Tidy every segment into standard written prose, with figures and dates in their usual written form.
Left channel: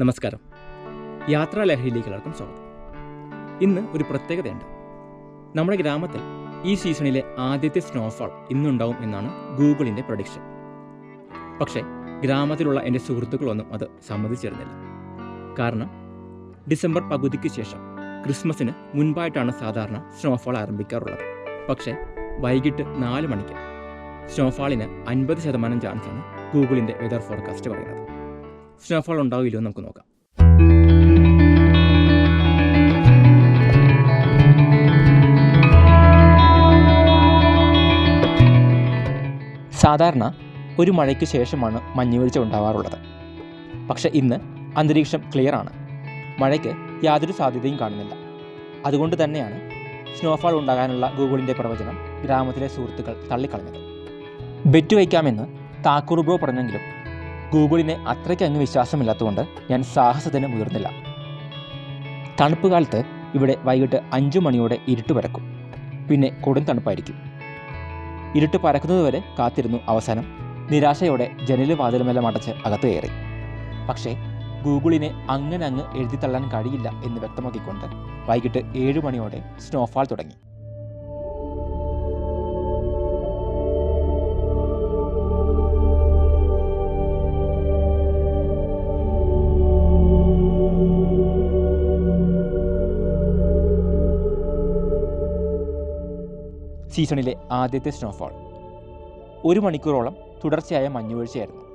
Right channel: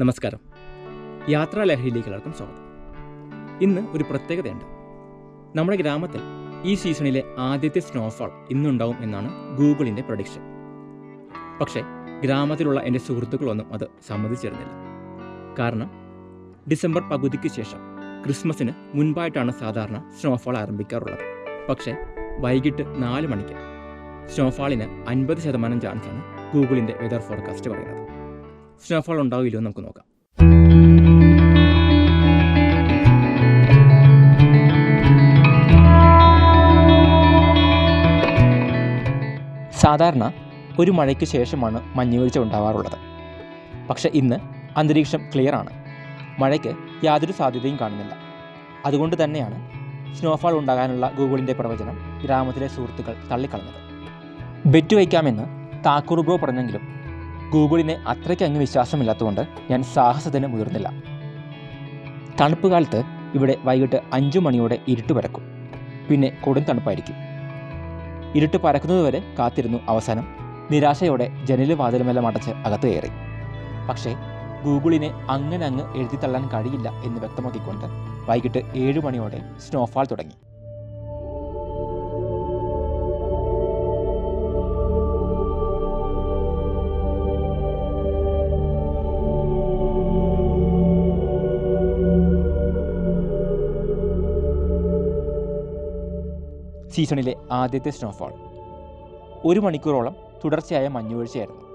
നമസ്കാരം. യാത്രാലഹരിയിലേക്ക് എല്ലാവർക്കും സ്വാഗതം. ഇന്ന് ഒരു പ്രത്യേകതയുണ്ട്. നമ്മുടെ ഗ്രാമത്തിൽ ഈ സീസണിലെ ആദ്യത്തെ സ്നോഫാൾ ഇന്നുണ്ടാവും എന്നാണ് ഗൂഗിളിൻ്റെ പ്രഡിക്ഷൻ. പക്ഷേ ഗ്രാമത്തിലുള്ള എൻ്റെ സുഹൃത്തുക്കളൊന്നും അത് സമ്മതിച്ചിരുന്നില്ല. കാരണം ഡിസംബർ പകുതിക്ക് ശേഷം ക്രിസ്മസിന് മുൻപായിട്ടാണ് സാധാരണ സ്നോഫാൾ ആരംഭിക്കാറുള്ളത്. പക്ഷേ വൈകിട്ട് 4 മണിക്ക് സ്നോഫാളിന് 50% ചാൻസാണ് ഗൂഗിളിൻ്റെ വെതർ ഫോർകാസ്റ്റ് പറയുന്നത്. സ്നോഫാൾ ഉണ്ടാവില്ലോ എന്ന് നമുക്ക് നോക്കാം. സാധാരണ ഒരു മഴയ്ക്ക് ശേഷമാണ് മഞ്ഞുവീഴ്ച ഉണ്ടാവാറുള്ളത്. പക്ഷെ ഇന്ന് അന്തരീക്ഷം ക്ലിയർ ആണ്. മഴയ്ക്ക് യാതൊരു സാധ്യതയും കാണുന്നില്ല. അതുകൊണ്ട് തന്നെയാണ് സ്നോഫാൾ ഉണ്ടാകാനുള്ള ഗൂഗിളിൻ്റെ പ്രവചനം ഗ്രാമത്തിലെ സുഹൃത്തുക്കൾ തള്ളിക്കളഞ്ഞത്. ബെറ്റ് വയ്ക്കാമെന്ന് താക്കൂർ ബ്രോ പറഞ്ഞെങ്കിലും ഗൂഗിളിനെ അത്രയ്ക്ക് അങ്ങ് വിശ്വാസമില്ലാത്തതുകൊണ്ട് ഞാൻ സാഹസത്തിന് മുതിർന്നില്ല. തണുപ്പ് കാലത്ത് ഇവിടെ വൈകിട്ട് 5 മണിയോടെ ഇരുട്ട് പരക്കും. പിന്നെ കൊടും തണുപ്പായിരിക്കും. ഇരുട്ട് പരക്കുന്നതുവരെ കാത്തിരുന്നു. അവസാനം നിരാശയോടെ ജനലും വാതിലുമെല്ലാം അടച്ച് അകത്ത് കയറി. പക്ഷേ ഗൂഗിളിനെ അങ്ങനെ അങ്ങ് എഴുതിത്തള്ളാൻ കഴിയില്ല എന്ന് വ്യക്തമാക്കിക്കൊണ്ട് വൈകിട്ട് 7 മണിയോടെ സ്നോഫാൾ തുടങ്ങി. സീസണിലെ ആദ്യത്തെ സ്നോഫാൾ 1 മണിക്കൂറോളം തുടർച്ചയായ മഞ്ഞുവീഴ്ചയായിരുന്നു.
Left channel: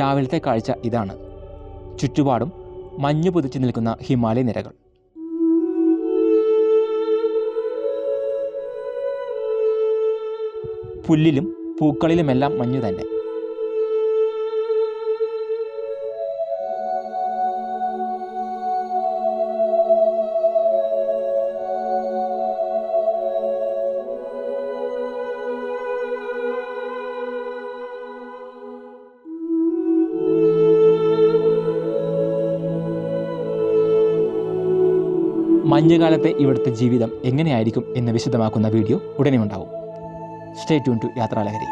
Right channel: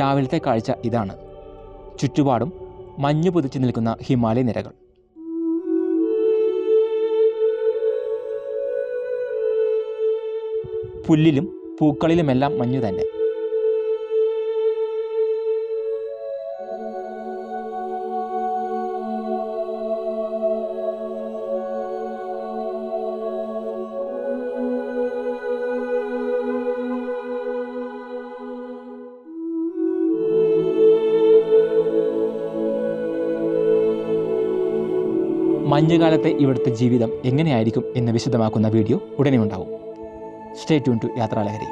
രാവിലത്തെ കാഴ്ച ഇതാണ്. ചുറ്റുപാടും മഞ്ഞു പുതച്ചു നിൽക്കുന്ന ഹിമാലയ നിരകൾ. പുല്ലിലും പൂക്കളിലുമെല്ലാം മഞ്ഞു തന്നെ. മഞ്ഞുകാലത്തെ ഇവിടുത്തെ ജീവിതം എങ്ങനെയായിരിക്കും എന്ന് വിശദമാക്കുന്ന വീഡിയോ ഉടനെ ഉണ്ടാവും. Stay tune to യാത്രാലഹരി.